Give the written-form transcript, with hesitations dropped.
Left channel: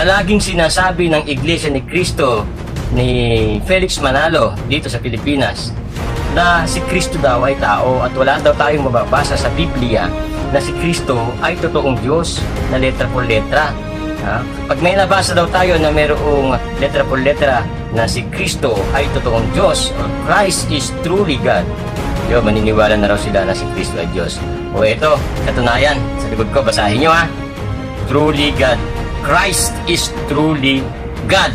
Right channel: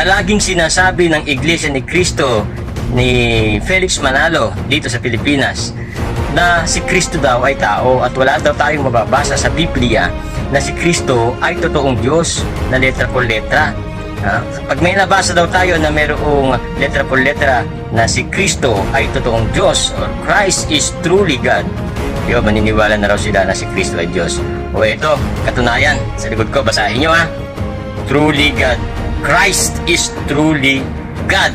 palaging sinasabi ng Iglesia ni Cristo ni Felix Manalo dito sa Pilipinas na si Cristo daw ay tao at wala daw tayong mababasa sa Biblia na si Cristo ay totoong Diyos na letra por letra. Pag may nabasa daw tayo na mayroong letra por letra na si Cristo ay totoong Diyos, or Christ is truly God, maniniwala na raw sila na si Cristo ay Diyos. O ito, katunayan, sa likod ko, basahin nyo ha. Truly God. Christ is truly God.